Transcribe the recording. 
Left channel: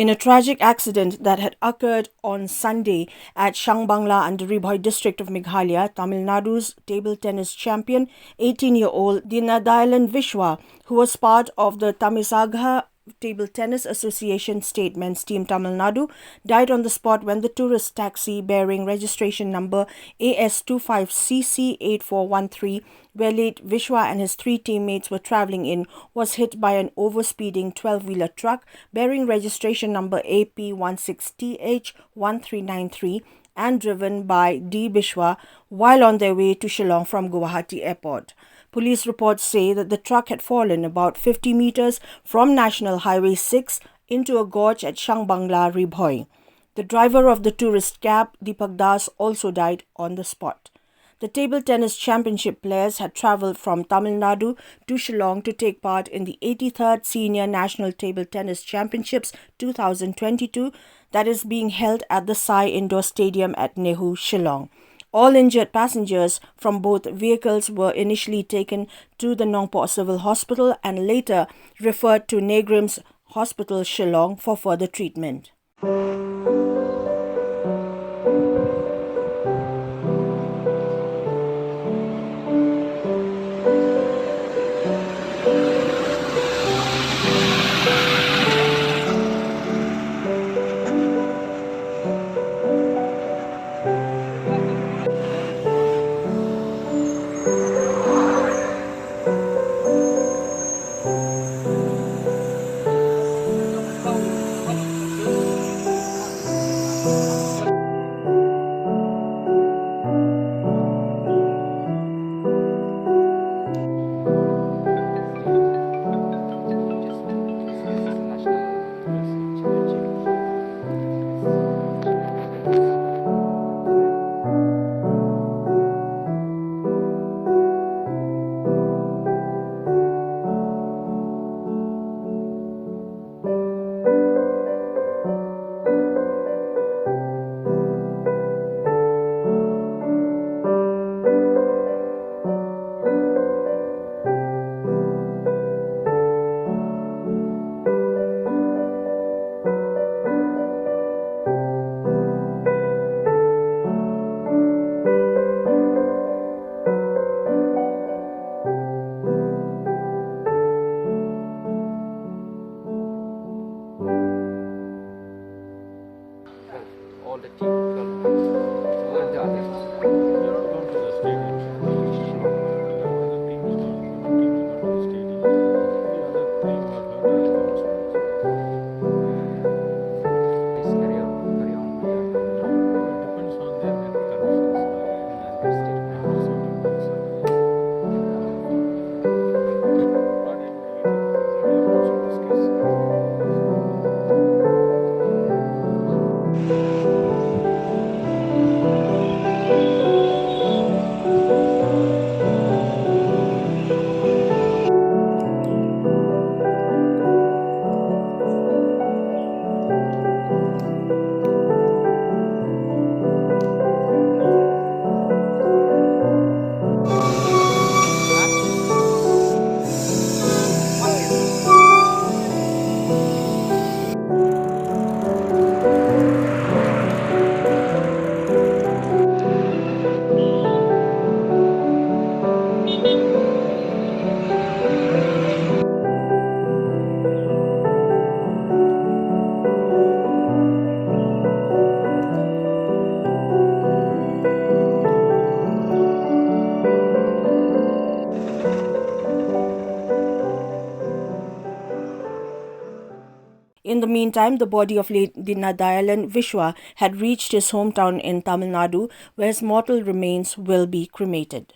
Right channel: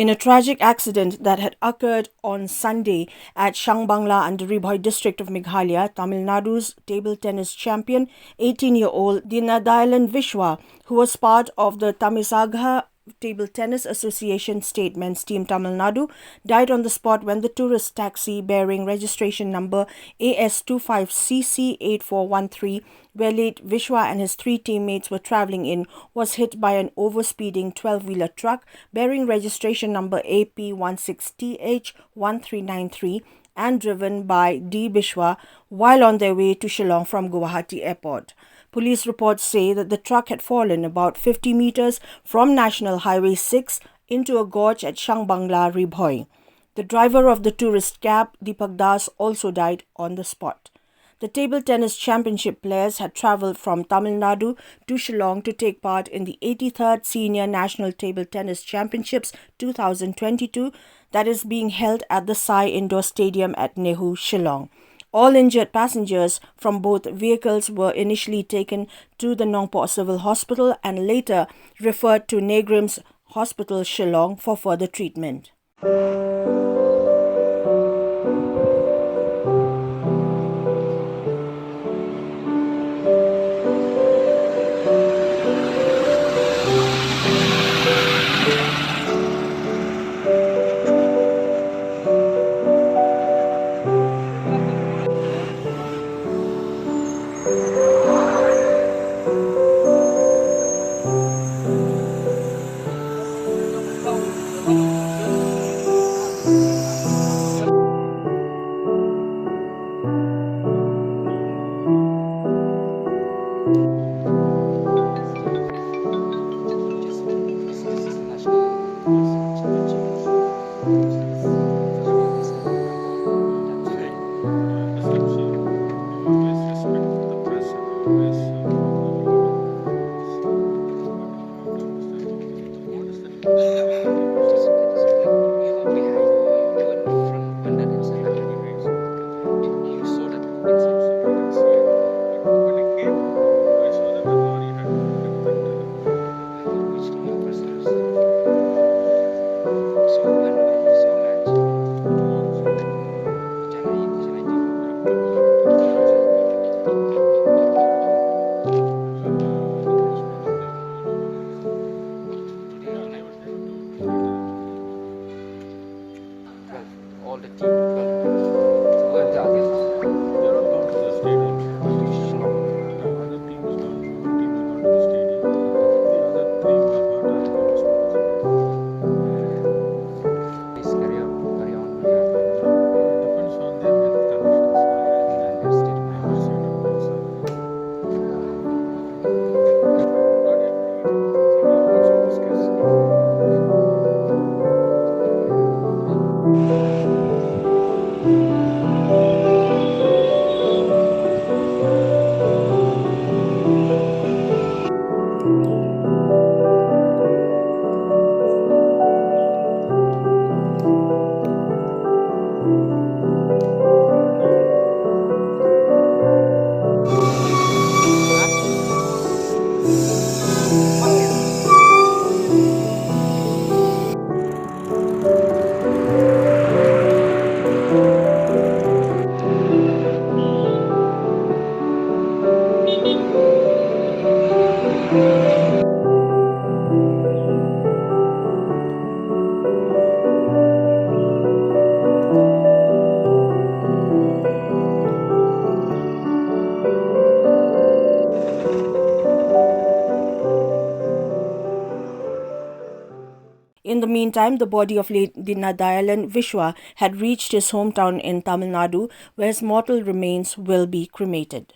In a tragic accident that had occurred on Sunday at SHANGBANGLA and BHOI district of Meghalaya, Tamil Nadu's table tennis champion, 18-year-old DEENADAYALAN VISWA, who was part of the TAMIZHAGA Table Tennis Association State Men's Team Tamil Nadu, died on the spot when the tourist taxi bearing registration number AS25CC8413, where late Vishwa and his three teammates were travelling in, was hit by an overspeeding 12-wheeler truck bearing registration number AP16TH1393 and driven by D. Bishwa while on their way to Shillong from Guwahati airport. Police reports say that the truck had fallen about 50 meters from National Highway 6 into a gorge at SHANGBANGLA, BHOI. The driver of the tourist cab, DEEPAK, also died on the spot. The table tennis championship players had travelled from Tamil Nadu to Shillong to take part in the 83rd Senior National Table Tennis Championships 2022 that is being held at the Sai Indoor Stadium at NEHU, Shillong. All injured passengers from both vehicles were initially taken to the Nongpo Civil Hospital and later referred to Nadu'S Hospital, Shillong for further treatment. In the meantime, the body of late DEENADAYALAN VISWA had reached his hometown in Tamil Nadu, where his mortal remains will be cremated.